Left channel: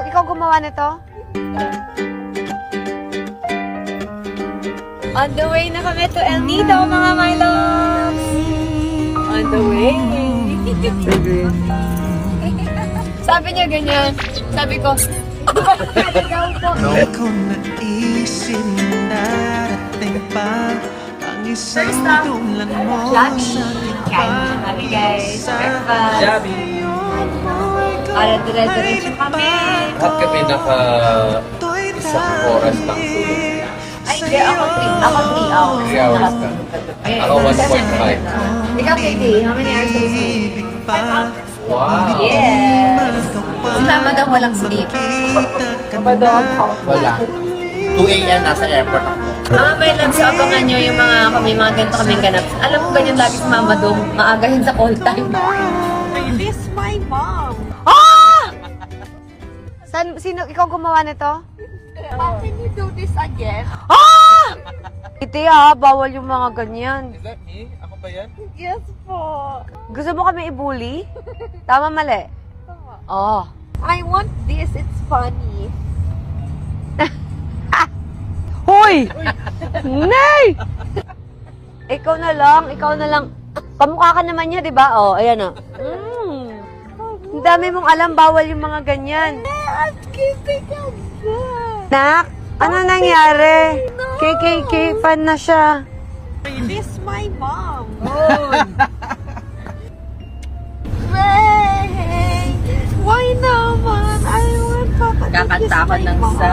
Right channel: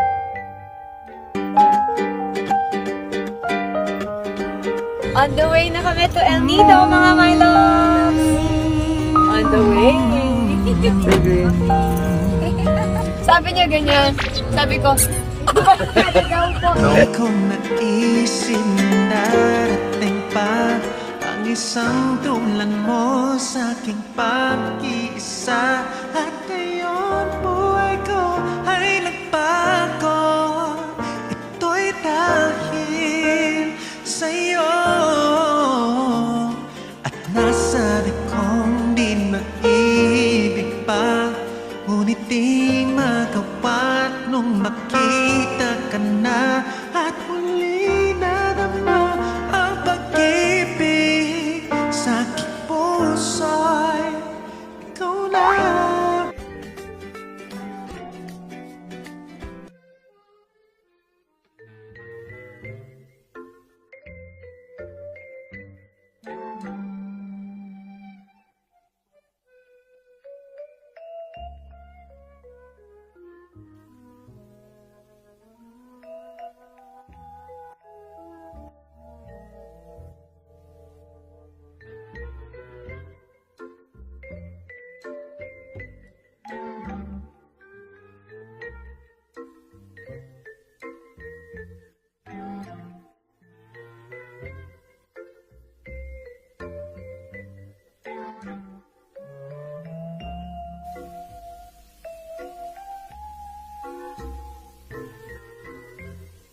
ikaw gumawa nito? On the way na kami to El Nido, mga my loves! On the way! Sabi niya ganyan. Sabi ko, ikaw po. Di ko naisip darating pa ang isang tulan mo sa aking pag-isa. At ngayon buhay ko ay nagbago. Ito'y dahil sa'yo. At nasabi kong di mag-ibig pa, ngunit di magawa nung makita ka na. At muli na naman Mga my loves, abangan nyo yung may mga ganito kami ganap. Alam ko ganyan lagi si Mama Dong, maagahin sa call time. This is my mom. Ikaw gumawa nito? How can you do this again? Iti bawal yung mga ganyan. Is that me? Ako ba yan? Yes po. Gusto mo kami i-bully? Tama, mali? Oh. I want this. It's funny. Hoy! Nay! Ikaw na lang. Kamukha ka naman niya, di ba? Oh, ayan o. Ang dami mong alam, bawal yung mga ganyan. I'm kidding again. Nak, ano nangyari? KKK fan na siya. This is my mom. Hey, why naman? I want Papa to kiss Kakanta ako my ng mom. sa